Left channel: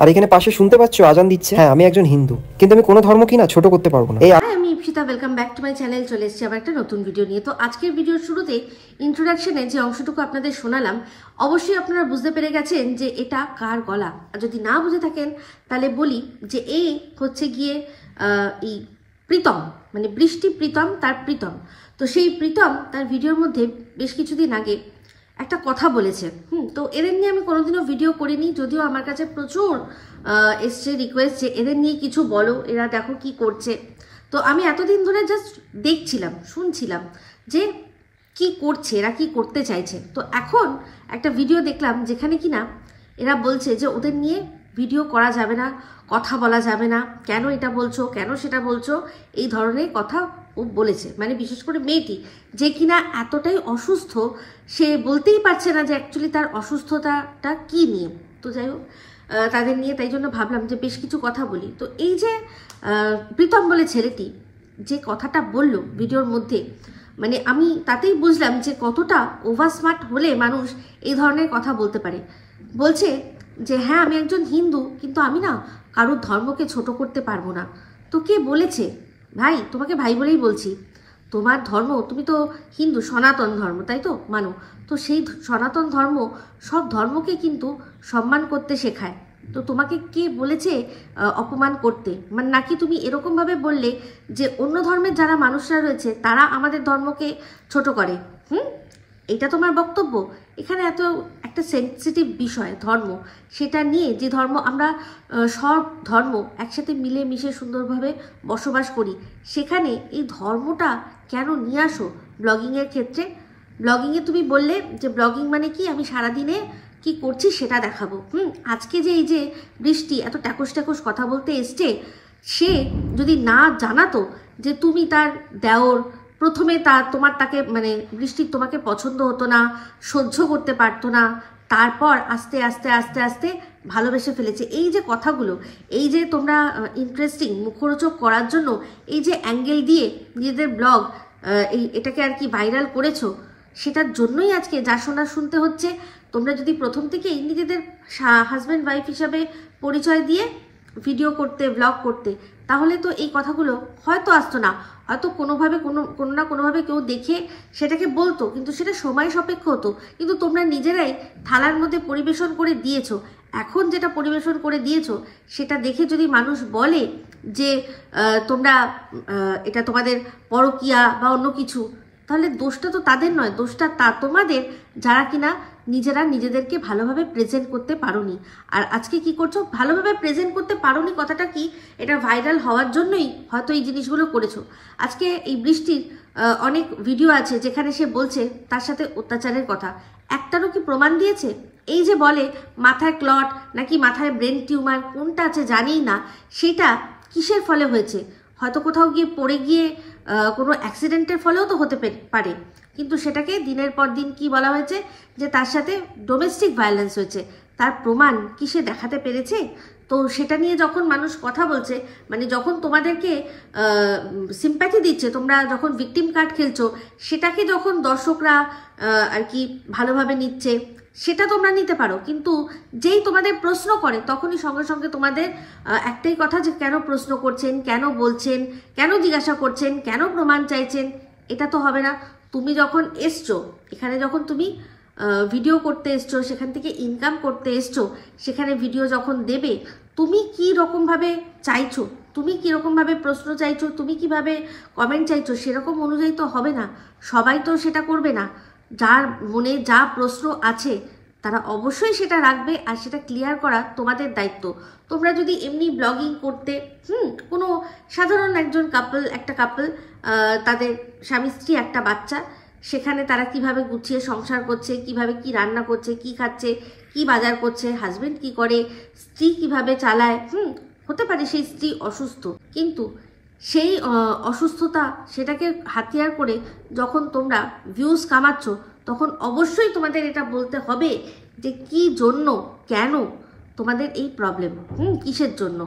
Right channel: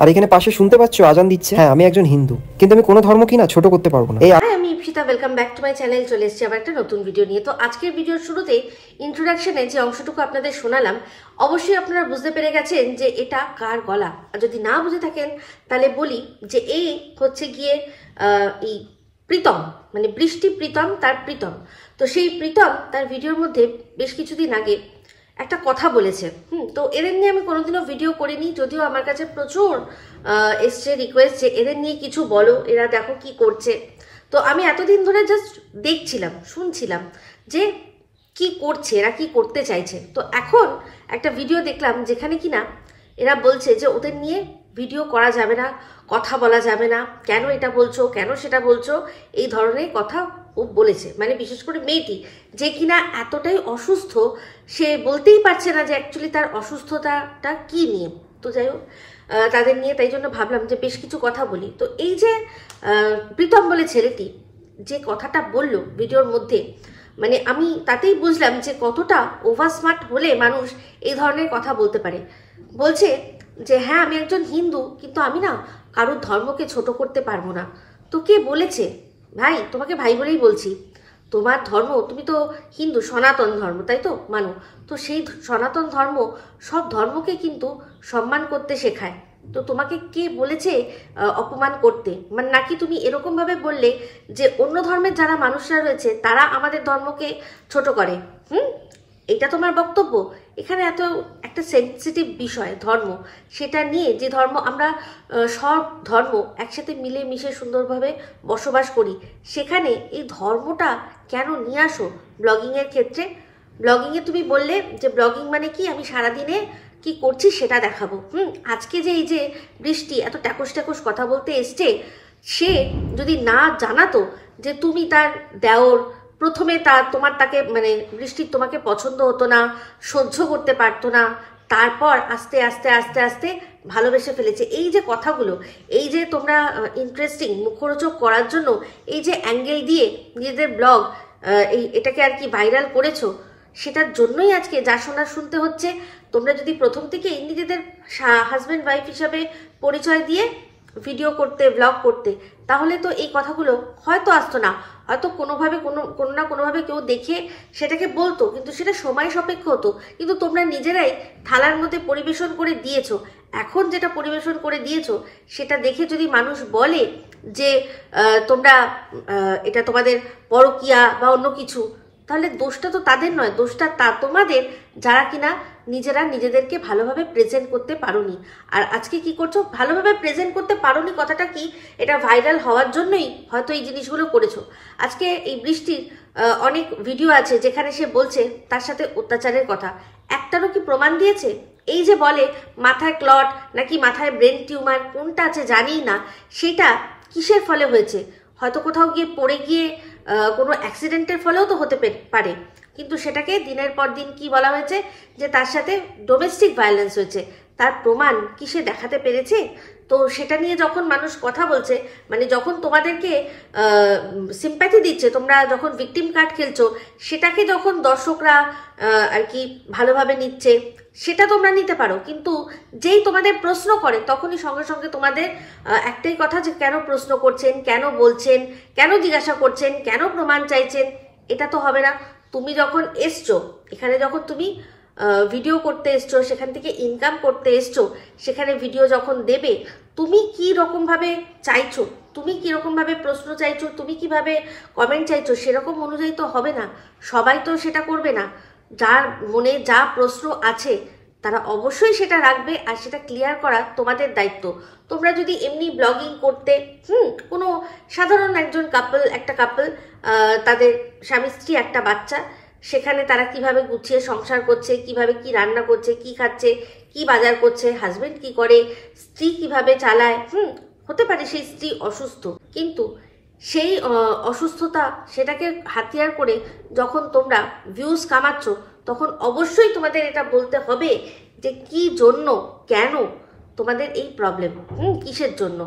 আর এখানে পাশে শুনতে পাচ্ছ আজান দিচ্ছে। হ্যাঁ, আমি একজন হিন্দু, কিন্তু আমি কোনো ধর্মকে না ছোট করতে পারবো না। আমি Ipsita, welcome back to my channel. চলে এসেছি আবার একটা নতুন ভিডিও নিয়ে। তো আজকের ভিডিওর শুরুতে ইন্ট্রোডাকশনে যে অংশটুকু আপনাদের শোনালাম, অবশ্যই আপনারা বুঝতে পেরে গেছেন যে এটা কার গলা। আর যদি না বুঝে থাকেন তাহলে বলি যে এই হচ্ছে গিয়ে এই প্রীতম, মানে বৃষ্টি প্রীতম, তার প্রীতম। তো সেই প্রীতম তার ভিডিওর মধ্যে বেশ কিছুদিন আগে একটা কথা বলেছে। তো এদের নিয়ে আমি কোনোদিনও ভিডিও করিনি, যদিও আমার কাছে প্রচুর এসছে রিকোয়েস্ট যে এদের নিয়ে কিছু বলো, এরা দেখো কি করছে। তো আমি এতদিন ধরে জাস্ট দেখছিলাম, শুনছিলাম যে কি করছে, এরা কি করতে চাইছে। তো এখন একটা ভিডিও দেখলাম যেখানে কিনা এরা বলছে যে ওদের নিয়ে ভিডিও করা যাবে না, কথা বলা যাবে না, কেন এটা বলছো, কেন সেটা বলছো, এই ধরনের কথা ও বলেছে। মানে বিশেষ করে মেয়েটি, যে কিনা এতটাই অসুস্থ, সে বলতেই পারছে না যে অ্যাকচুয়ালি তার অসুস্থতাটা কি নিয়ে। তো যাই হোক, তাদের নিয়ে তাই জন্য ভাবলাম যে বেশ কিছু কথা বলি। তো এই যে প্রীতম বলে ছেলেটি যে কথাটা বলল ভিডিওর মধ্যে, মানে আমি তাতেই বুঝলাম যে কতটা ওভার স্মার্ট হলে মানুষ এই ধরনের কথা বলতে পারে। বলছে যে হ্যাঁ, আমি একজন হিন্দু, কিন্তু আমি না কারোর ধর্মকে ছোট করতে পারবো না। তো কে বলেছে? ভাই, তোমাকে ভাই বলেই বলছি, তোমার ধর্ম, তুমি তো হিন্দু, সনাতন ধর্ম, তাই তো মানো। তো সেই সনাতন ধর্ম সব ধর্মকে কিন্তু সম্মান করতে শেখায়। তো তোমাকে কে বলেছে অপমান করতে? মানে নাকি তুমি এরকম ভাবে বললে যে অন্য ধর্মের যারা মানুষরা রয়েছে তারা আমাদের ধর্মকে ছোট করে? এটা তোমার বক্তব্য? এখানে এত একটা সেন্সিটিভ বিষয় ধর্ম, সেটা নিয়ে যে ধর্ম আমরা সব ধর্ম একসাথে মিলে মিশে সুন্দরভাবে বসবাস করি, সেখানে এই ধর্মটা কেন নিয়ে আসো ব্লগিংয়ের ক্ষেত্রে? ব্লগিংয়ে তুমি বললে যে ব্লগিং মানে কি, আমি সারাদিনে কি করছি সেটা দেখাবো। আজকে যে এই যে বৃষ্টি এত ট্যাকস ট্যাকস কথা বলতে এসছে, সে যদি না জানাতো যে তুমি তার দেওর, প্রথমে তাকে মানে বৃষ্টির তোমাকে পছন্দ হতো না, সহ্য করতে পারতো না, তারপর আস্তে আস্তে আস্তে আস্তে ভালোবেসে ফেলেছে। এই যে কথাগুলো, এই যে তোমরা ইন্টারেস্টিং মুখরোচক করার জন্য এই যে অ্যাঙ্গেল দিয়ে নিজেদের ব্লগ এটাকে আর কি ভাইরাল করেছো, সেটার জন্যই আজকে যা শোনার শুনতে হচ্ছে। তোমরা যদি প্রথম থেকেই নিজেদের হাজব্যান্ড ওয়াইফ হিসাবে পরিচয় দিয়ে ভিডিও করতে, ব্লগ করতে, তাহলে তো এই কথাগুলো হয়তো আসতো না। হয়তো কোনোভাবে কোনো না কোনোভাবে কেউ দেখে সেটাকে বলতো, কিন্তু সেটা সময় সাপেক্ষ হতো। কিন্তু তোমরা নিজেরাই থালার মধ্যে পরিবেশন করে দিয়েছো। এখন যেটা পরিবেশন করে দিয়েছো সেটা দেখে যদি মানুষ বলে যে তোমরা এটা তোমাদের পরকীয়া বা অন্য কিছু, তাহলে দোষটা তো তাদের নয়, দোষটা তোমাদের, যারা কিনা নিজেরা নিজেদেরকে ভালোভাবে প্রেজেন্ট করতে পারোনি। আর আজকে কি করছো? ভালোভাবে প্রেজেন্ট করতে পারোনি কথাটা কি, এটা ভাইরাল হওয়ার জন্যই হয়তো এই জিনিসগুলো করেছো। আজকে এই বৃষ্টির অনেক ভিডিও আছে যেখানে সে বলছে তার সাথে অত্যাচারের কথা, একটারও কি প্রমাণ দিয়েছে? এই যে বলে মাথায় ক্লট নাকি মাথায় ব্রেন টিউমার, কোনটা আছে জানি না, সেটা কিসের ফলে হয়েছে? হয়তো কোথাও গিয়ে পড়ে গিয়ে কোনো অ্যাক্সিডেন্টের ফলেও তো হতে পারে, কিন্তু সেটাকে দিনের পর দিন কি বলা হয়েছে যে তার সাথে ডোমেস্টিক ভায়োলেন্স হয়েছে। তার প্রমাণ কি সে দেখাতে পেরেছে? তো সেটা নিয়ে যখন মানুষ কথা বলছে, মানে যখন তোমাদেরকে সিম্প্যাথি দিচ্ছে, তোমরা যখন ভিকটিম কার্ড খেলছো, সেটাকে যখন দর্শকরা আর কি ভালোভাবে নিচ্ছে, সেটা তোমরা নিতে পারো। কিন্তু যেই তোমাদের প্রশ্ন করে, তখনই সঙ্গে সঙ্গে তোমাদের একটাই কথা যে কেন প্রশ্ন করছেন, কেন বলছেন, কেন জিজ্ঞাসা করছেন, কেন প্রমাণ চাইছেন? এটা তো হবে না। তুমি যখন এসছো এখানে, যখন তুমি ভিডিও করতে এসছো, সেখান থেকে ইনকাম করতে এসছো, সেখানে ভিডিও যখন দেবে, তুমি কি রকম ভাবে চাইছো, তুমি কিরকম ভাবে প্রশ্ন চাইছো, তুমি কিভাবে কমেন্ট চাইছো, সেরকম অনুযায়ী তো হবে না। সবাই তো সেটা করবে না। যার মনে যা প্রশ্ন আছে তারা অবশ্যই সেটা রাখবে, আর সেটা ক্লিয়ার করা তোমাদের দায়িত্ব। তোমরা যদি এমনি ব্লগিং করতে, কোনো সাধারণ একজন একটা কাপল, তাদের স্বামী স্ত্রী, একটা বাচ্চা, সেখানে তারা কিভাবে গুছিয়ে সংসার করছে, কিভাবে কি রান্না করছে, কি খাচ্ছে, কি বাজার করছে, হাজবেন্ড কি করে, স্ত্রী কিভাবে চালায়, হতে পারে সেই স্ত্রী অসুস্থ, কিন্তু সেই অসুস্থতা সেটাকে হাতিয়ার করে যখন তোমরা ভিউজ কামাচ্ছ, তখন অবশ্যই তোমাদের এটা বলতে হবে যে কি জন্য, কেন তোমাদের এই প্রবলেম, কিসের জন্য,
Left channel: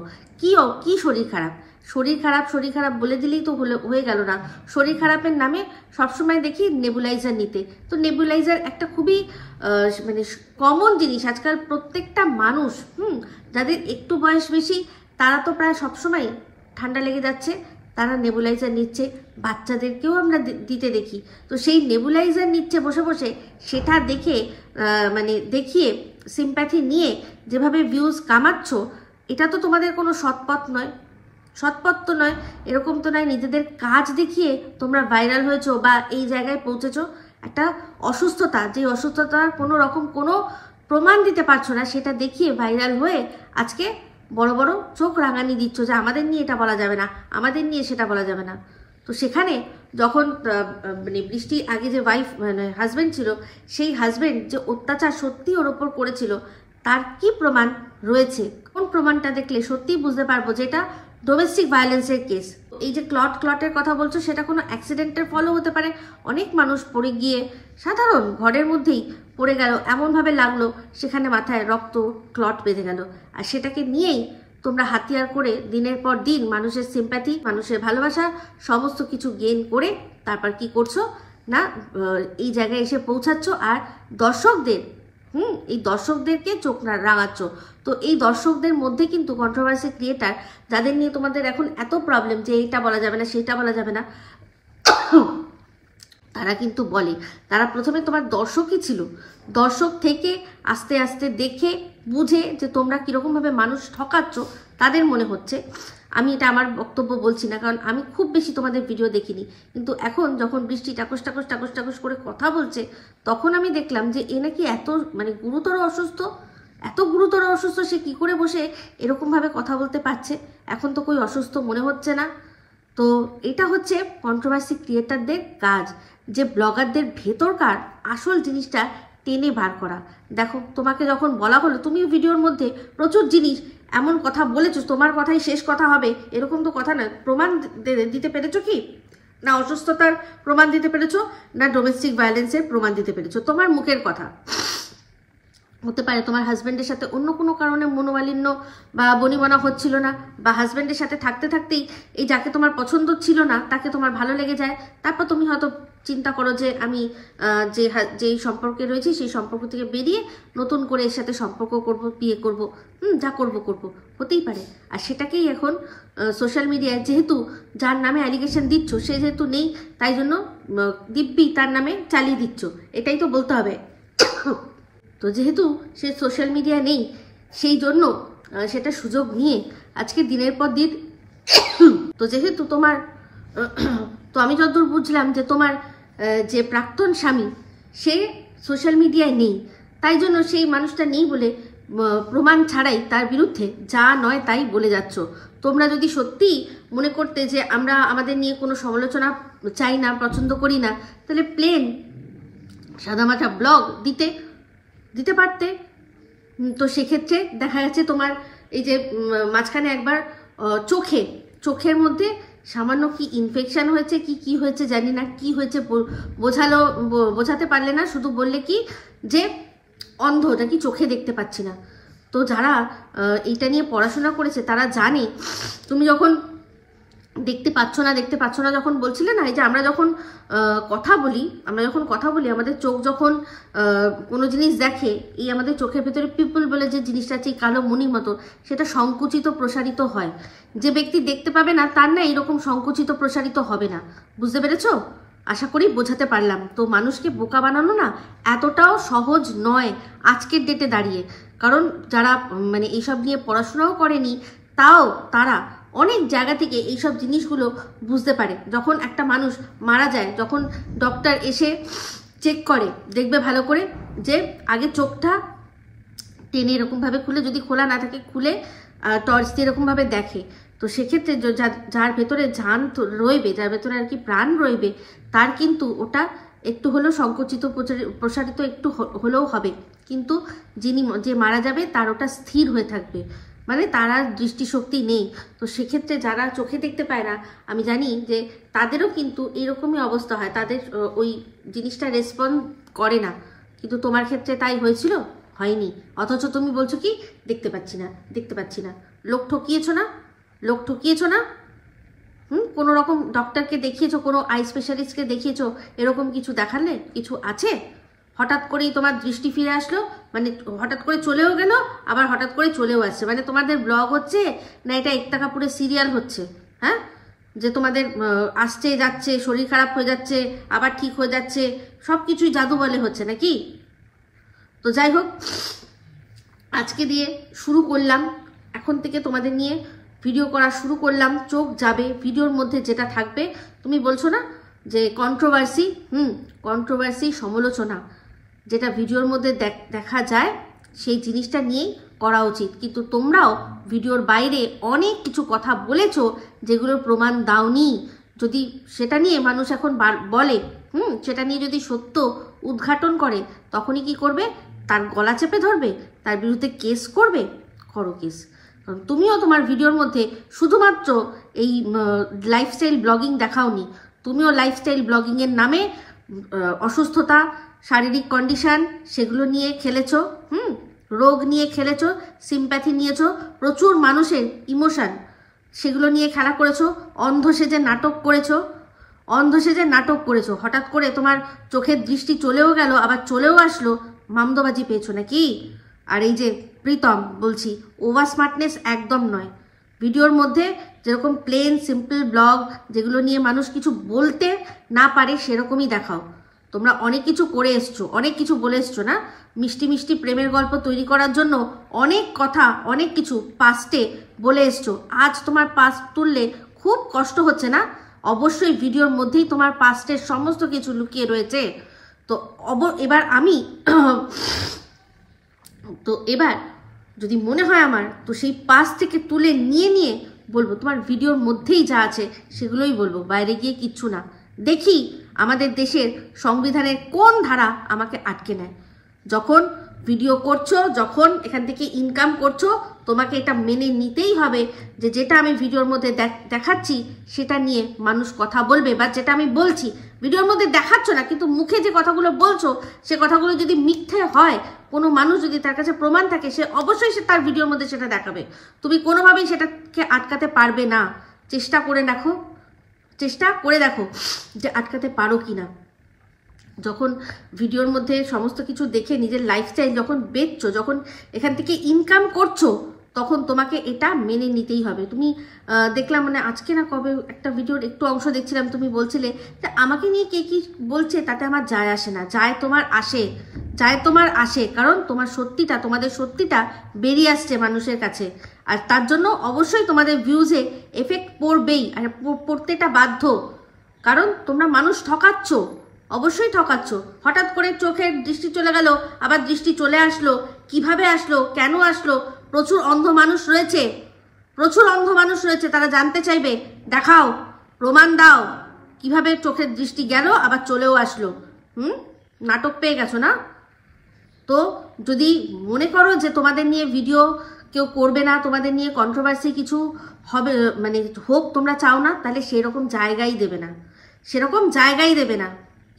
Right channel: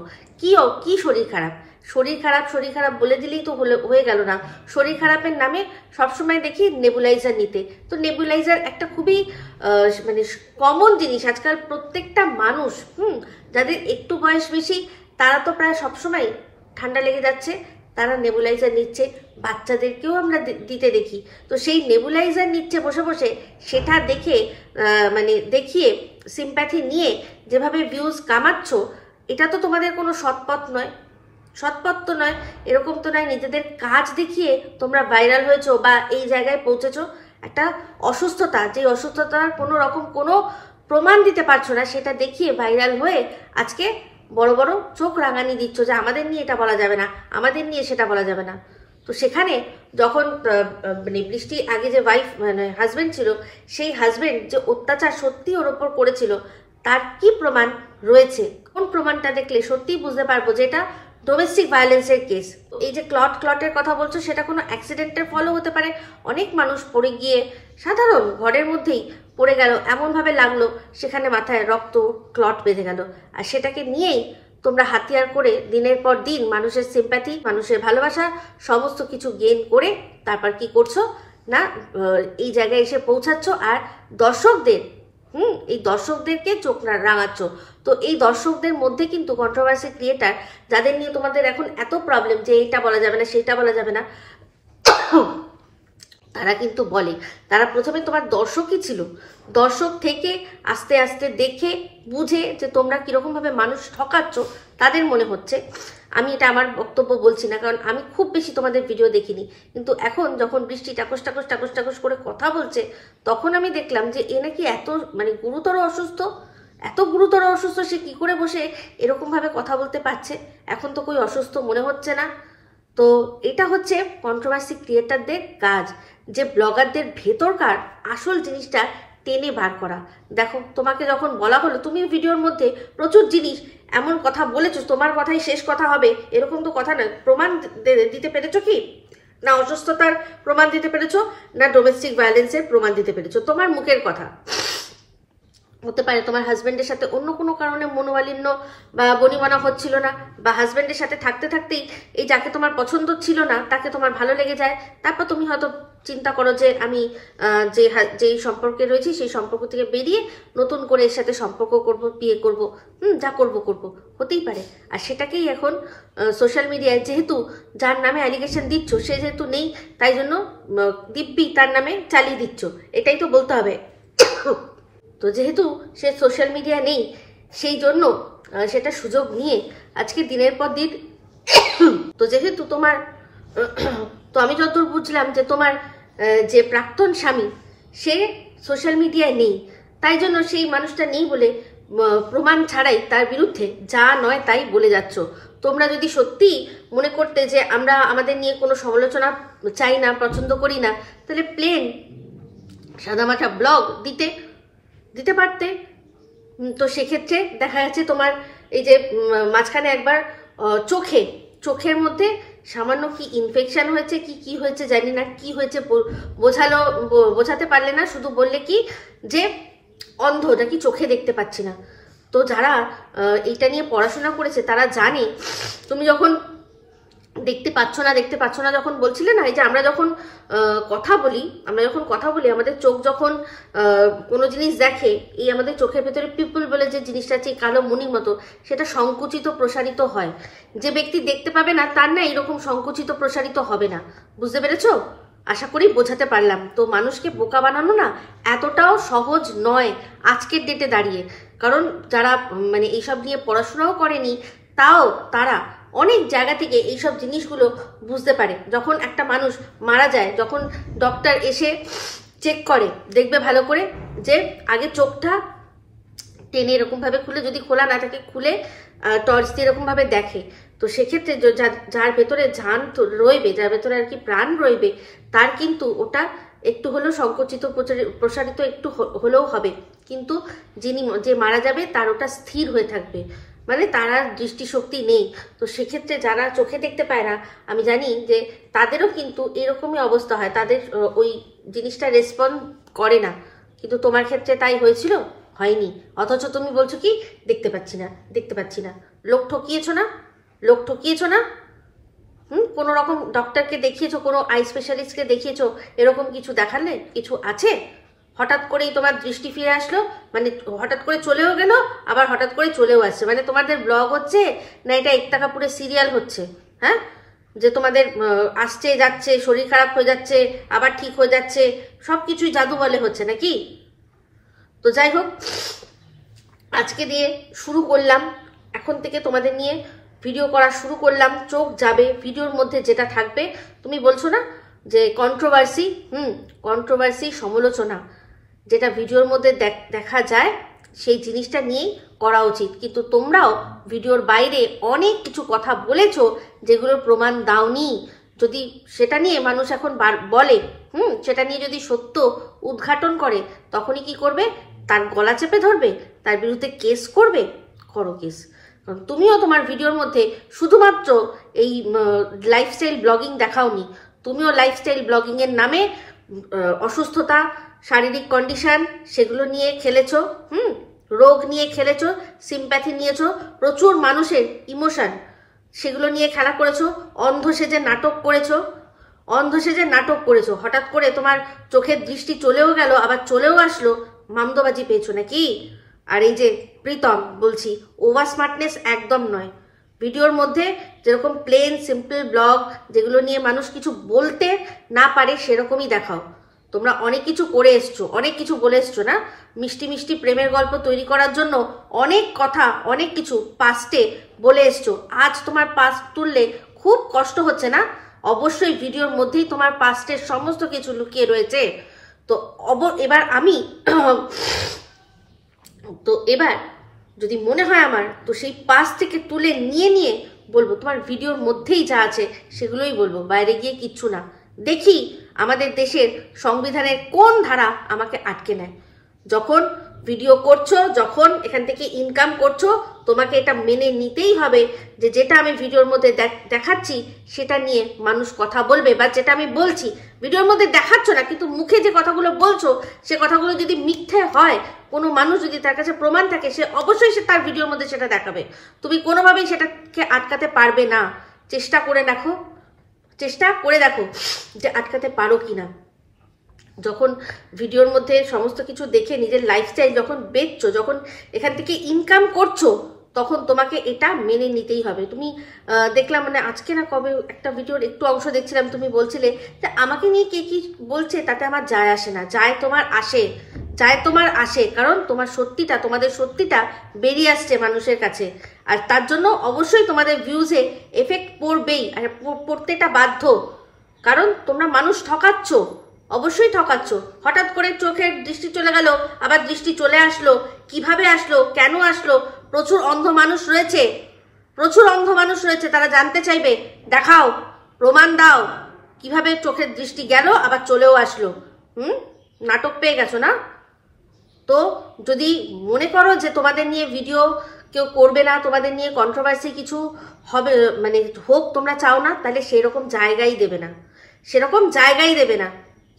কি শরীর খারাপ, শরীর খারাপ বলে দিলেই তো হয়ে গেল না। শরীর খারাপের নামে সবসময় দেখি নেবুলাইজার নিতে। তো নেবুলাইজার একটা খুবই মানে কমন জিনিস আজকাল। প্রত্যেকটা মানুষ যাদের একটু বয়স বেশি তারা তো প্রায় সবসময় ঠান্ডা লেগে যাচ্ছে, তারা নেবুলাইজার নিচ্ছে। বাচ্চাদেরকেও আমরা দিতে দেখি। তো সেই নেবুলাইজার নিচ্ছে বসে বসে, সেটা দেখে মানে দেখিয়ে সিম্প্যাথি নিয়ে যেভাবে ভিউজ কামাচ্ছ, এটা তো তোমাদের কোনো সৎপথ নয়। সৎপথ তো নয়, এরকম তো নয়। নিজেদের কাজ দেখিয়ে তোমরা ভাইরাল হয়েছো বা এই জায়গায় পৌঁছেছো। একটা অসুস্থতা, যে অসুস্থতার কোনো রকম কোনো প্রমাণ দিতে পারছো না, সেটা দেখিয়ে ভাইরাল হয়ে আজকে বড় বড় চোখ রাঙানি দিচ্ছ যে আমাদের নিয়ে এটা বলা যাবে না, আমাদের নিয়ে সেটা বলা যাবে না। তো সেখানে যখন মানে বৃষ্টি আগে যে ওয়াইফ মানে হাজবেন্ড ছিল, সেই হাজবেন্ড যে অত্যাচার সত্যি ওর ওপর করেছিল, তার কি প্রমাণ রয়েছে, কোন প্রমাণটা দেখলে সত্যিই বুঝতে পারবো যে এটা ডোমেস্টিক ভায়োলেন্সের কেস। এই যে ক্লটের কথা বলছো, সেটা কোনো অ্যাক্সিডেন্টের ফলও হতে পারে। অনেক মানুষ পড়ে গিয়ে সাধারণ ঘরের মধ্যেই পড়ে গেল, এমনভাবে লাগলো সেখানে মাথায় রক্ত ক্লট বেঁধে গেল। আর সেটাকে নিয়েই তোমরা হাতিয়ার করে দিনের পর দিন মানুষের সিম্প্যাথি, মানুষের ভালোবাসা সমস্ত কিছু গেইন করে তারপর কি করছো না, এই জায়গায় এসে পৌঁছাচ্ছ। আর দর্শকদের এই দর্শকদেরকে চোখ রাঙাচ্ছ। তো এই দর্শকদের মধ্যে কিন্তু কন্ট্রোভার্সি ক্রিয়েটার, যাদের নিয়ে তোমাদের এখন এত প্রবলেম যে এইটা বলা যাবে না সেটা বলা যাবে না, তারা কিন্তু বলে। তারা প্রথমে তোমার দর্শকই ছিল। দর্শক থেকে আস্তে আস্তে দেখে বুঝে যে তোমরা কিরকম ভাবে মানুষ ঠকাচ্ছ, তাদের মনে হচ্ছে। আমি এটা আমার বক্তব্য বলছি না, কারণ আমি খুব বেশি তোমাদের ভিডিও দেখিনি। কিন্তু এখন যখন বৃষ্টি টাকস টাকস টাকস টাকস করে কথা বলছে, তখন আমি দেখলাম যে এ নাকি এত মানে গুরুতর অসুস্থ, এত গুরুতর অসুস্থ, সে কি করে বসে এরকম ভাবে কথা বলতে পারছে। এখন তো কই অসুস্থ মনে হচ্ছে না। তো এটা হচ্ছে কন্ট্রোভার্সি ক্রিয়েটারদের কাজ, যে ব্লগারদের ভেতরকার আসল জিনিসটা টেনে বার করা। দেখো, তোমাকে যখন বলা হলো, তুমি ভিডিওর মধ্যে প্রচুর জিনিস এমন কথা বলেছো, তোমার কথাই শেষ কথা হবে এরকম তো কথা না। প্রমাণ দিতে পেরেছো কি না অসুস্থতার প্রমাণ দিতে পেরেছো, না ডোমেস্টিক ভায়োলেন্সের প্রমাণ দিতে পেরেছো? তোমার মুখের কথা। হতে পারে তোমার হাজবেন্ডের সাথে অন্য কোনো কারণে মনোমালিন্য বা বনিবনা হচ্ছিল না, বা হাজবেন্ডের সাথে থাকতে থাকতেই এই যাকে তোমার পছন্দ ছিল না তাকে তোমার ভালো লেগে যায়। তারপর তুমি হয়তো চিন্তা করো যে আমি যেই সম্পর্কে রয়েছি সেই সম্পর্ক থেকে বেরিয়ে নতুন করে এর সাথে সম্পর্ক করব, বিয়ে করব, যা করব হতেই পারে। আর সেটাকেই এখন সোশ্যাল মিডিয়ায় যেহেতু যার নামে অ্যালিগেশন দিচ্ছ সে যেহেতু নেই, তাই জন্য দিব্যি তার নামে চালিয়ে দিচ্ছ, এটাই তো বলতে হবে। তো যেহেতু সে সোশ্যাল মিডিয়া নেই, সেই জন্য সেটা সুযোগ নিয়ে আজকে দিনের পর দিন তো যেহেতু তোমার তো আমি যতদূর বুঝলাম যে তোমার যে প্রাক্তন স্বামী সে সোশ্যাল মিডিয়ায় নেই, তাই জন্য সেই মানুষটা নেই বলে প্রমাণ ছাড়াই তার বিরুদ্ধে যা নয় তাই বলে যাচ্ছ। তোমরা যদি সত্যি মনে করতে যে আমরা আমাদের নিয়ে কোনো সমালোচনা চাই না, পছন্দ করি না, তাহলে প্লেন সাদামাটা ব্লগ দিতে পারতে। তো সেক্ষেত্রে দেখা যাচ্ছে তোমার এই যে মাঝখানে একবার চোখের মধ্যে সামান্য কি ইনফেকশন হয়েছে কি হয়েছে জানি না, কি হয়েছে বোঝাতে পারলে না, শুধু বললে কি যে অন্ধ, নাকি চোখে দেখতে পাচ্ছি না। তো যারা এইটা নিয়ে পড়াশোনা করেছে তারা জানে, তুমি যখন দেখতে পাচ্ছ না যখন বলছিলে না, এই যে আমরা যখন কথা বলি আমাদের চোখ যখন কোনো জিনিস দেখে, এই আমাদের চোখের ভেতরে পিপল বলে যে জিনিসটা আছে কালো মনির মতো, সেটা সংকুচিত প্রসারিত হয়। যে ব্যক্তি দেখতে পাবে না তার না এরকম সংকুচিত প্রসারিত হবে না। বুঝতে পেরেছো? আশা করি বোঝাতে পারলাম। তো মানুষকে বোকা বানানো না এতটাও সহজ নয় আজকের ডেটে দাঁড়িয়ে, কারণ যারা মানে এইসব নিয়ে পড়াশোনাও করেনি তাও তারা অনেক জায়গা থেকে এইসব জিনিসগুলো বুঝতে পারে। যখন একটা মানুষ মারা যায়, যখন ডক্টর এসে চেক করে, দেখবে ভালো করে যে আগে চোখটা টেনে এরকম ভাবে খুলে, যদি খোলা না থাকে খুলে টর্চ দিয়ে এরকম ভাবে দেখে। তো সেক্ষেত্রে যার ভেতরে জান রইবে, যার ভেতরে আর কি প্রাণ রইবে, তার কিন্তু ওটা একটু হলেও সংকুচিত প্রসারিত একটু হলেও হবে, কিন্তু যে মারা যাবে তার ওটা স্থির হয়ে থাকবে, মানে তার আর দৃষ্টিশক্তি নেই। তো সেক্ষেত্রে যারা চোখে দেখতে পায় না, আমি জানি যে তাদেরও কিন্তু এরকমই অবস্থা হয়, তাদের ওই জিনিসটা রেসপন্ড করে না। কিন্তু তোমার ক্ষেত্রে তাই হয়েছিল? হয়নি। অথচ তুমি বলছো কি দেখতে পাচ্ছি না। লোক ঠকিয়েছো না? কোনো রকম ডক্টরকে দেখিয়েছো, কোনো আই স্পেশালিস্টকে দেখিয়েছো, এরকম কিছু দেখালে কিছু আছে? হঠাৎ করেই তোমার দৃষ্টি ফিরে আসলো, মানে হঠাৎ করে চলেও গেল, আবার হঠাৎ করে চলেও আসছে, মানে তোমাদের ব্লগ হচ্ছে না এটা 1 টাকা পুরো সিরিয়াল হচ্ছে? হ্যাঁ, যে তোমাদের আসছে যাচ্ছে, শরীর খারাপ হয়ে যাচ্ছে, আবার ঠিক হয়ে যাচ্ছে, সবকিছুই জাদু বলে হচ্ছে নাকি? তো যাই হোক, আজকে দিয়ে শুরু করলাম, এখন থেকে তোমাদের নিয়ে ভিডিও করা শুরু করলাম। চোখ যাবে ভিডিওর মধ্যে যেটা থাকবে, তুমি বলছো না যে কন্ট্রোভার্সি, কন্ট্রোভার্সি, সমালোচনা, যেটা ভিডিওর মধ্যে দেখা যায় সেই জিনিসটা নিয়েই করা উচিত। কিন্তু তোমরাও ভিডিওর বাইরে অনেক কিছু কথা বলেছো যেগুলোর প্রমাণ দাওনি। যদি সেটা নিয়ে মানুষ এখন বলে, সেটা নিয়ে যদি সত্য উদ্ঘাটন করে, তখনই কি করবে? তার গলা চেপে ধরবে, তার বিরুদ্ধে কেস করবে। করো কেস। তুমিও তোমার ভিডিওর মধ্যে শুধুমাত্র এই লাইফস্টাইল ব্লগিং দেখাওনি, তুমিও লাইফস্টাইল ব্লগিং এর নামে অসুস্থতা, শারীরিক কন্ডিশন, সেগুলো নিয়ে খেলেছো, রোগ নিয়ে খেলেছো, সিম্প্যাথি নিয়েছো, প্রচুর মানুষের ইমোশন, সেগুলো নিয়ে খেলা করেছো, অন্ধ সেজে নাটক করেছো, হঠাৎ করে তোমার চোখের দৃষ্টি চলেও গেল, আবার চলেও আসলো, মামদোবাজি পেয়েছো নাকি? আর এই যে প্রীতম, বলছি ওভার স্মার্টনেস একদম নয়। ভিডিওর মধ্যে যেরকম প্লেন সিম্পল ব্লগ, যেগুলো নিয়ে মানুষ কিছু বলতে না পারে, সেরকমই দেখাও। তোমরা অনেক কিছু করে এসছো, অনেক কিছু বলে এসছো না, মিষ্টি মিষ্টি প্রেমের গল্প তৈরি করার জন্য অনেক কথা, অনেক কিছু পাস্টে বলে এসছো। আজ তোমার পাস্ট তুললে খুব কষ্ট হচ্ছে না? অবশ্যই ভিডিওর মধ্যেই তোমার পাস্টের সমস্ত কিছু লুকিয়ে রয়েছে। তো এবার আমি এবার যদি মনে হয় আমার, তো সেই পাস থেকে তুলে নিয়ে বলবো, তোমার ভিডিওর মধ্যেই যা আছে সেগুলোই বলবো, বাইরে গিয়ে কিচ্ছু না। দেখি আমাদের দেশের সংবিধানের কোন ধারা আমাকে আটকে নেয়। যখন ভিডিও করছো, যখন এখান থেকে ইনকাম করছো, তোমাকে এটা মেনে নিতেই হবে যে যেটা আমি ভিডিওর মধ্যে দেখাচ্ছি সেটা নিয়ে মানুষ কথা বলবে, বা যেটা আমি বলছি ভিডিওর মধ্যে দেখাচ্ছ না, কিন্তু মুখে যে কথাগুলো বলছো সে কথাগুলো যদি মিথ্যে হয়, কোনো মানুষ যদি তার কাছে প্রমাণ থাকে, সে অবশ্যই সে তার ভিডিওর মধ্যে সেটা দেখাবে। তুমি কোনোভাবেই সেটাকে আটকাতে পারবে না। চেষ্টা করে দেখো যে আটকাতে পারো কিনা। যখন ভিডিওর মধ্যে সমস্ত কিছু দেখে নিজের লাইফস্টাইল যখন বেচছো, যখন এখান থেকে ইনকাম করছো, তখন তোমাকে এটা মেনে নিতেই হবে। তুমি দেখলাম, মানে আজকে না কবে একটা ভিডিওর একটু অংশ দেখছিলাম, তুমি বলছিলে যে আমাকে নিয়ে কে কি বলছে তাতে আমার যায় আসে না। যায় তোমার আসে, কারণ তোমাদের সত্যিটা বেরিয়ে আসছে মানুষের কাছে, আর তার জন্য অবশ্যই তোমাদের ভিউজে এফেক্ট পড়বেই, আর পড়তেটা বাধ্য, কারণ তোমরা মানুষ ঠকাচ্ছ, অবশ্যই ঠকাচ্ছ। হঠাৎ করে চোখের দৃষ্টি চলে গেল, আবার দৃষ্টি চলে আসলো, কিভাবে আসলো, কেন আসলো? প্রচুর অন্ধ মানুষ রয়েছে, তারা জানতে চাইবে, দেখাও, প্রমাণ দাও, কিভাবে চোখের দৃষ্টি গেল আবার চলেও আসলো। নাটক পেয়ে গেছো না? তো যদি মনে করো যে তোমাদের নিয়ে ভিডিও কেউ করবে না, তোমাদের নিয়ে কন্ট্রোভার্সি কিছু হবে, মানে হোক তোমরা চাও না, তাহলে সেরকম জায়গাই দেবে না।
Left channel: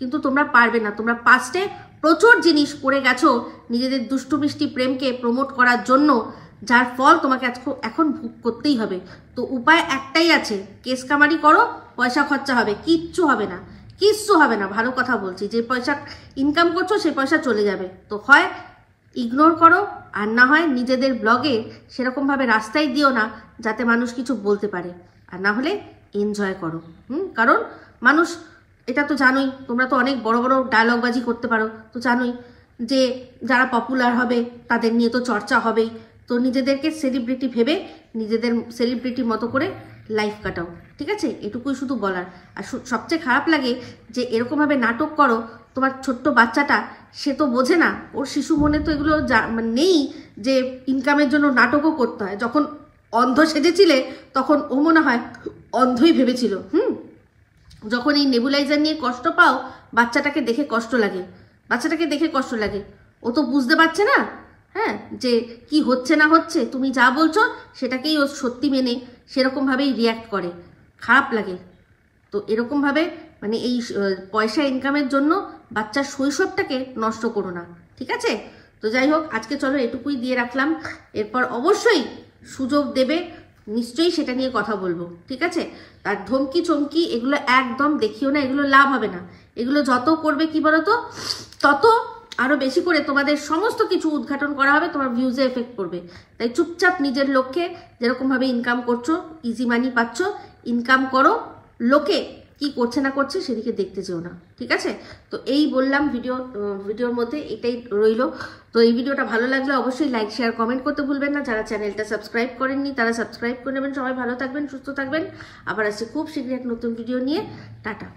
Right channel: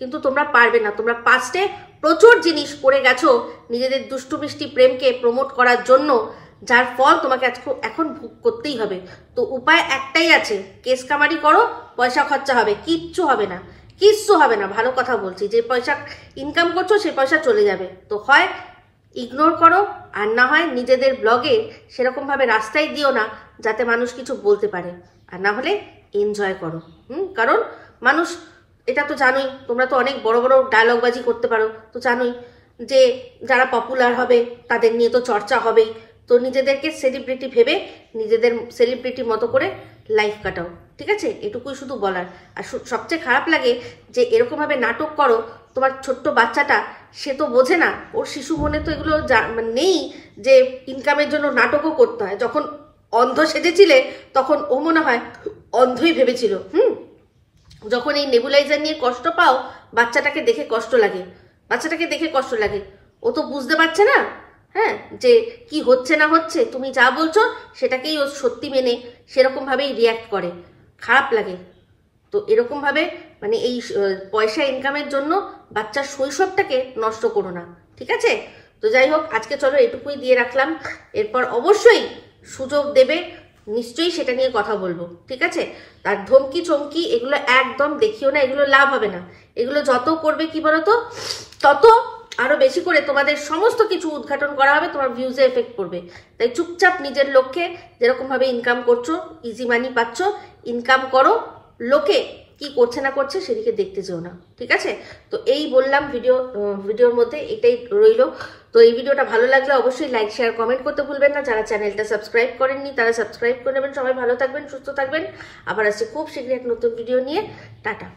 কিন্তু তোমরা পারবে না। তোমরা পাস্টে প্রচুর জিনিস করে গেছো নিজেদের দুষ্টু মিষ্টি প্রেমকে প্রমোট করার জন্য, যার ফল তোমাকে এখন ভোগ করতেই হবে। তো উপায় একটাই আছে, কেস কামারি করো, পয়সা খরচা হবে, কিচ্ছু হবে না। ভালো কথা বলছি, যে পয়সা ইনকাম করছো সেই পয়সা চলে যাবে। তো হয় ইগনোর করো, আর না হয় নিজেদের ব্লগে সেরকম ভাবে রাস্তায় দিও না যাতে মানুষ কিছু বলতে পারে, আর না হলে এনজয় করো। কারণ মানুষ, এটা তো জানোই, তোমরা তো অনেক বড় বড় ডায়লগবাজি করতে পারো, তো জানোই যে যারা পপুলার হবে তাদের নিয়ে তো চর্চা হবেই। তো নিজেদেরকে সেলিব্রিটি ভেবে নিজেদের সেলিব্রিটি মতো করে লাইফ কাটাও, ঠিক আছে? এটুকুই শুধু বলার। আর সবচেয়ে খারাপ লাগে যে এরকমভাবে নাটক করো, তোমার ছোট্ট বাচ্চাটা সে তো বোঝে না, ওর শিশু মনে তো এগুলো নেই যে ইনকামের জন্য নাটকও করতে হয়। যখন অন্ধ সেজেছিলে তখন ও মনে হয় অন্ধই ভেবেছিল। যখন এই নেবুলাইজার নিয়ে কষ্ট পাও, বাচ্চাটাকে দেখে কষ্ট লাগে। ও তো বুঝতে পারছে না, যে কি হচ্ছে না হচ্ছে, তুমি যা বলছো সেটাকেই ও সত্যি মেনে সেরকম ভাবেই রিয়াক্ট করে, খারাপ লাগে। তো এরকম ভাবে মানে এই পয়সা ইনকামের জন্য বাচ্চার শৈশবটাকে নষ্ট করো না, ঠিক আছে? তো যাই হোক, আজকে চলো এটুকুই দিয়ে রাখলাম। এরপর অবশ্যই সুযোগ দেবে, নিশ্চয়ই সেটা নিয়ে কথা বলবো, ঠিক আছে? তার ধমকি চমকি এগুলো একদম দেখিও না, এগুলো লাভ হবে না। এগুলো যত করবে কি বলতো, তত আরো বেশি করে তোমাদের সমস্ত কিছু উদ্ঘাটন করা হবে, তোমার ভিউজে এফেক্ট করবে। তাই চুপচাপ নিজের লক্ষ্যে যেরকম ভাবে ইনকাম করছো, ইজি মানি পাচ্ছ, ইনকাম করো, লোকে কি করছে না করছে সেদিকে দেখতে যেও না, ঠিক আছে? তো এই বললাম ভিডিওর মধ্যে এটাই রইলো। তো এই ভিডিওটা ভালো লাগলে অবশ্যই লাইক শেয়ার কমেন্ট করতে ভুলবেন না। যারা চ্যানেলটা সাবস্ক্রাইব করেননি তারা সাবস্ক্রাইব করে নেবেন। সবাই ভালো থাকবেন, সুস্থ থাকবেন। আবার আসছি খুব শীঘ্রই এক নতুন ভিডিও নিয়ে। টাটা।